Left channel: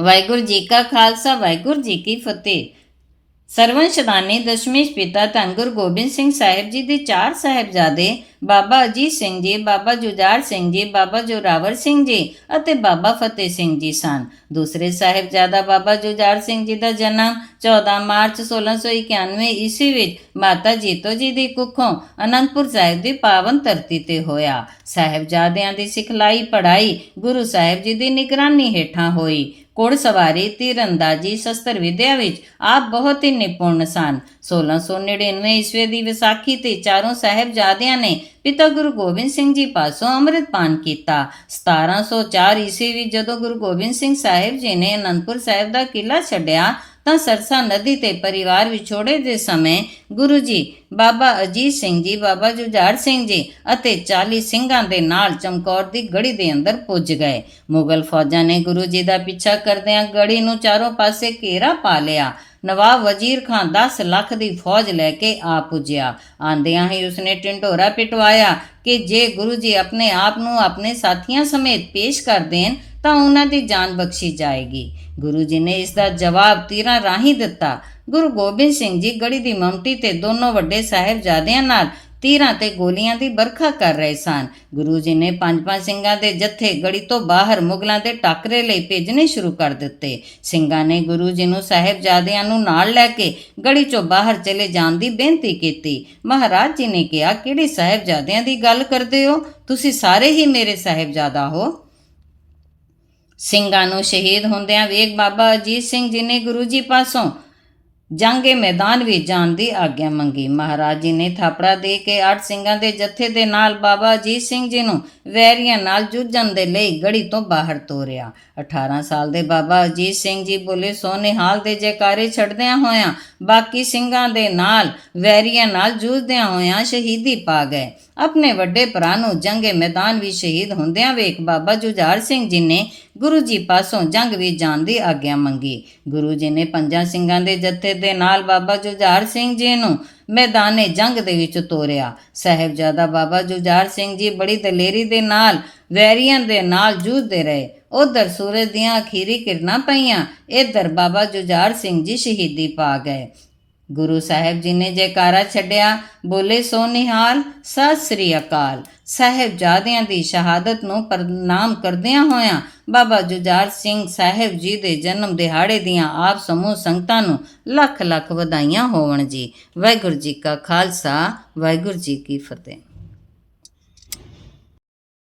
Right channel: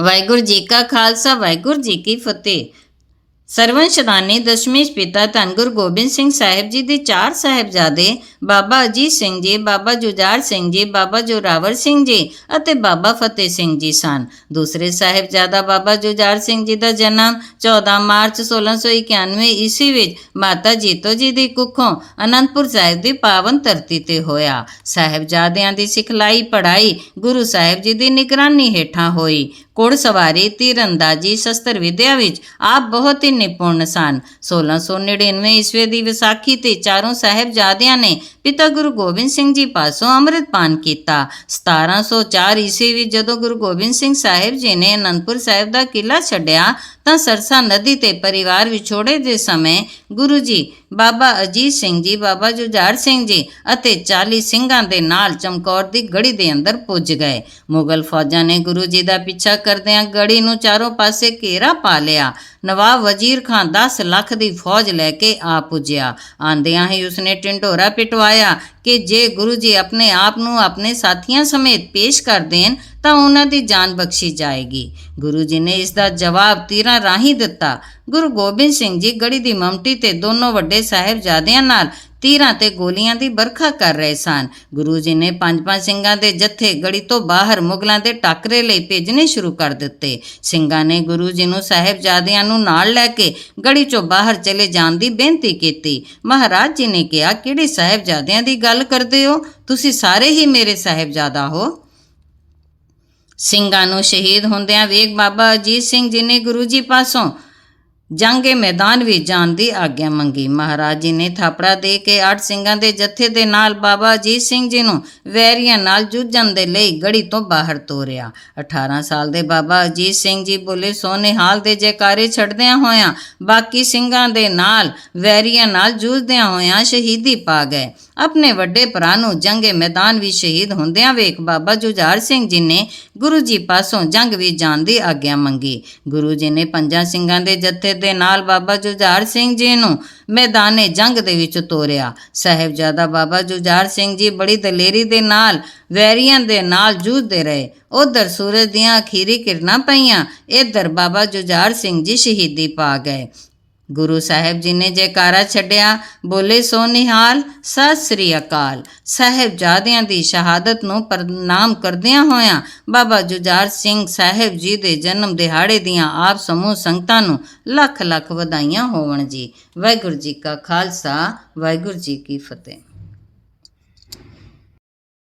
ਵਾਹਿਗੁਰੂ ਜੀ ਕਾ ਖਾਲਸਾ, ਵਾਹਿਗੁਰੂ ਜੀ ਕੀ ਫਤਿਹ। ਸਰਵੰਸ਼ਦਾਨੀ ਦਸ਼ਮੇਸ਼ ਪਿਤਾ ਧੰਨ ਗੁਰੂ ਗੋਬਿੰਦ ਸਿੰਘ ਸਾਹਿਬ ਜੀ ਦੇ ਚਾਰ ਸਾਹਿਬਜ਼ਾਦੇ ਬਾਬਾ ਅਜੀਤ ਸਿੰਘ ਜੀ, ਬਾਬਾ ਜੁਝਾਰ ਸਿੰਘ ਜੀ, ਬਾਬਾ ਜੋਰਾਵਰ ਸਿੰਘ ਜੀ ਅਤੇ ਬਾਬਾ ਫਤਿਹ ਸਿੰਘ ਜੀ ਸਨ। ਦੂਸਰੇ ਸਾਹਿਬਜ਼ਾਦਾ ਬਾਬਾ ਜੁਝਾਰ ਸਿੰਘ ਜੀ ਦਾ ਜਨਮ 14 ਮਾਰਚ 1691 ਈਸਵੀ ਵਿੱਚ ਮਾਤਾ ਜੀਤੋ ਜੀ ਦੀ ਕੁੱਖੋਂ ਅਨੰਦਪੁਰ ਸਾਹਿਬ ਦੀ ਪਾਵਨ ਧਰਤੀ ਤੇ ਹੋਇਆ। ਸਾਹਿਬਜ਼ਾਦਿਆਂ ਦੀ ਸਿਖਲਾਈ ਪੜ੍ਹਾਈ ਗੁਰੂ ਸਾਹਿਬ ਜੀ ਦੀ ਨਿਗਰਾਨੀ ਹੇਠਾਂ ਹੋਈ। ਘੋੜ ਸਵਾਰੀ ਤੀਰੰਦਾਜ਼ੀ ਸ਼ਸਤਰ ਵਿਦਿਆ ਵਿੱਚ ਆਪ ਬਹੁਤ ਹੀ ਨਿਪੁੰਨ ਸਨ। 1699 ਈਸਵੀ ਦੀ ਵਿਸਾਖੀ ਤੇ ਚਾਰੋਂ ਸਾਹਿਬਜ਼ਾਦਿਆਂ ਨੇ ਪਿਤਾ ਗੁਰੂ ਗੋਬਿੰਦ ਸਿੰਘ ਜੀ ਪਾਸੋਂ ਅੰਮ੍ਰਿਤ ਪਾਨ ਕੀਤਾ। 1704 ਈਸਵੀ ਵਿੱਚ ਜਦੋਂ ਗੁਰੂ ਗੋਬਿੰਦ ਸਿੰਘ ਸਾਹਿਬ ਜੀ ਨੇ ਅਨੰਦਪੁਰ ਸਾਹਿਬ ਦਾ ਕਿਲਾ ਛੱਡਿਆ, ਤਾਂ ਸਰਸਾ ਨਦੀ ਤੇ ਪਰਿਵਾਰ ਵਿਛੋੜੇ ਦੇ ਸਮੇਂ ਗੁਰੂ ਜੀ, ਬਾਬਾ ਅਜੀਤ ਸਿੰਘ ਜੀ, ਬਾਬਾ ਜੁਝਾਰ ਸਿੰਘ ਜੀ ਅਤੇ 40 ਸਿੰਘਾਂ ਦੇ ਨਾਲ ਚਮਕੌਰ ਦੀ ਗੜੀ ਦੇ ਅੰਦਰ ਪੁੱਜ ਗਏ। ਮੁਗਲ ਫੌਜਾਂ ਨੇ ਗੁਰੂ ਜੀ ਦਾ ਪਿੱਛਾ ਕਰਦਿਆਂ ਗੜੀ ਨੂੰ ਚਾਰੋਂ ਪਾਸੇ ਘੇਰਾ ਪਾ ਲਿਆ। ਨਵਾਬ ਵਜ਼ੀਰ ਖਾਨ 10 ਲੱਖ ਦੀ ਫੌਜ ਲੈ ਕੇ ਆ ਪੁੱਜਿਆ। ਆਂਦਿਆਂ ਹੀ ਉਸਨੇ ਟਿੰਡੋਰਾ ਪਿਟਵਾਇਆ ਕਿ ਜੇ ਗੁਰੂ ਜੀ ਆਪਣੇ ਆਪ ਨੂੰ ਆਪਣੇ ਸਾਥੀਆਂ ਸਮੇਤ ਪੇਸ਼ ਕਰ ਦੇਣ, ਤਾਂ ਉਹਨਾਂ ਦੀ ਜਾਨ ਬਖਸ਼ੀ ਜਾਏਗੀ। ਗੁਰੂ ਜੀ ਨੇ ਇਸ ਦਾ ਜਵਾਬ ਤੀਰਾਂ ਰਾਹੀਂ ਦਿੱਤਾ। ਗੁਰੂ ਗੋਬਿੰਦ ਸਿੰਘ ਜੀ ਗੜੀ ਦੀ ਮਮਟੀ ਤੇ ਦੋਨੋਂ ਵੱਡੇ ਸਾਹਿਬਜ਼ਾਦਿਆਂ ਨਾਲ ਤੀਰਾਂ ਤੇ ਗੋਲੀਆਂ ਦੀ ਵਰਖਾ ਕਰ ਰਹੇ ਸਨ। ਗੁਰੂ ਜੀ ਨੇ ਪੰਜ ਪੰਜ ਸਿੰਘਾਂ ਦੇ ਜੱਥੇ ਗੜੀ ਤੋਂ ਬਾਹਰ ਮੁਗਲਾਂ ਦੇ ਟਾਕਰੇ ਲਈ ਭੇਜਣੇ ਸ਼ੁਰੂ ਕਰ ਦਿੱਤੇ। ਸਿੰਘਾਂ ਨੇ ਗੁਰੂ ਜੀ ਨੂੰ ਸਾਹਿਬਜ਼ਾਦਿਆਂ ਨੂੰ ਨਾਲ ਲੈ ਕੇ ਗੜੀ ਚੋਂ ਬਾਹਰ ਚਲੇ ਜਾਣ ਦੀ ਬੇਨਤੀ ਕੀਤੀ। ਮਹਾਰਾਜ ਜੀ ਨੇ ਕਿਹਾ, ਕਿਹੜੇ ਸਾਹਿਬਜ਼ਾਦਿਆਂ ਦੀ ਗੱਲ ਕਰਦੇ ਹੋ? ਤੁਸੀਂ ਸਾਰੇ ਹੀ ਮੇਰੇ ਸਾਹਿਬਜ਼ਾਦਾ ਹੋ। ਸਿੰਘਾਂ ਨੂੰ ਸ਼ਹੀਦ ਹੁੰਦਿਆਂ ਵੇਖ ਬਾਬਾ ਅਜੀਤ ਸਿੰਘ ਜੀ ਨੇ ਗੁਰੂ ਜੀ ਪਾਸੋਂ ਜੰਗੇ ਮੈਦਾਨ ਵਿੱਚ ਜਾਣ ਦੀ ਆਗਿਆ ਮੰਗੀ। ਮਹਾਰਾਜ ਜੀ ਨੇ ਥਾਪੜਾ ਦੇ ਕੇ ਅੱਠ ਸਿੰਘਾਂ ਦੇ ਜਥੇ ਦੇ ਨਾਲ ਬਾਬਾ ਅਜੀਤ ਸਿੰਘ ਜੀ ਨੂੰ ਵੈਰੀਆਂ ਨਾਲ ਜੂਝਣ ਦੇ ਲਈ ਗੜੀ ਤੋਂ ਬਾਹਰ ਤੋਰਿਆ। 18 ਸਾਲ ਦੇ ਬਾਬਾ ਅਜੀਤ ਸਿੰਘ ਜੀ ਬੋਲੇ ਸੋਨੇਹਾਲ ਦੇ ਜੈਕਾਰੇ ਛੱਡਦਿਆਂ ਹੋਇਆਂ, ਬਾਕੀ ਸਿੰਘਾਂ ਦੇ ਨਾਲ ਵੈਰੀਆਂ ਨਾਲ ਜੂਝਦਿਆਂ ਹੋਇਆਂ ਸ਼ਹੀਦੀ ਪਾ ਗਏ। ਆਪਣੇ ਵੱਡੇ ਭਰਾ ਨੂੰ ਜੰਗੇ ਮੈਦਾਨ ਵਿੱਚ ਸ਼ਹੀਦ ਹੁੰਦਿਆਂ ਵੇਖ ਬਾਬਾ ਜੁਝਾਰ ਸਿੰਘ ਜੀ ਨੇ ਗੁਰੂ ਜੀ ਪਾਸੋਂ ਜੰਗ ਵਿੱਚ ਜਾਣ ਦੀ ਆਗਿਆ ਮੰਗੀ। ਗੁਰੂ ਜੀ ਨੇ ਪੰਜਾਂ ਸਿੰਘਾਂ ਦੇ ਜਥੇ ਦੇ ਨਾਲ ਬਾਬਾ ਜੁਝਾਰ ਸਿੰਘ ਜੀ ਨੂੰ ਮੈਦਾਨੇ ਜੰਗ ਦੇ ਵਿੱਚ ਤੋਰਿਆ। ਸਾਹਿਬਜ਼ਾਦਾ ਬਾਬਾ ਜੁਝਾਰ ਸਿੰਘ ਜੀ ਬੜੀ ਦਲੇਰੀ ਦੇ ਨਾਲ, ਵੈਰੀਆਂ ਦੇ ਨਾਲ ਜੂਝਦੇ ਰਹੇ। ਉਧਰ ਸੂਰਜ ਦੀਆਂ ਅਖੀਰੀ ਕਿਰਨਾਂ ਪਈਆਂ, ਇਧਰ ਬਾਬਾ ਜੁਝਾਰ ਸਿੰਘ ਜੀ ਸ਼ਹੀਦੀ ਪਾ ਗਏ। ਗੁਰੂ ਸਾਹਿਬ ਜੀ ਨੇ ਜੈਕਾਰਾ ਛੱਡਿਆ, ਬੋਲੇ ਸੋ ਨਿਹਾਲ ਸਤਿ ਸ੍ਰੀ ਅਕਾਲ। ਸਾਹਿਬਜ਼ਾਦਿਆਂ ਦੀ ਸ਼ਹਾਦਤ ਨੂੰ ਪ੍ਰਣਾਮ ਕਰਦਿਆਂ ਹੋਇਆਂ ਬਾਬਾ ਜੁਝਾਰ ਸਿੰਘ ਸਾਹਿਬ ਜੀ ਦੇ ਜਨਮ ਦਿਹਾੜੇ ਦੀਆਂ ਆਪ ਸਮੂਹ ਸੰਗਤਾਂ ਨੂੰ ਲੱਖ ਲੱਖ ਵਧਾਈਆਂ ਹੋਵਣ ਜੀ। ਵਾਹਿਗੁਰੂ ਜੀ ਕਾ ਖਾਲਸਾ, ਵਾਹਿਗੁਰੂ ਜੀ ਕੀ ਫਤਿਹ।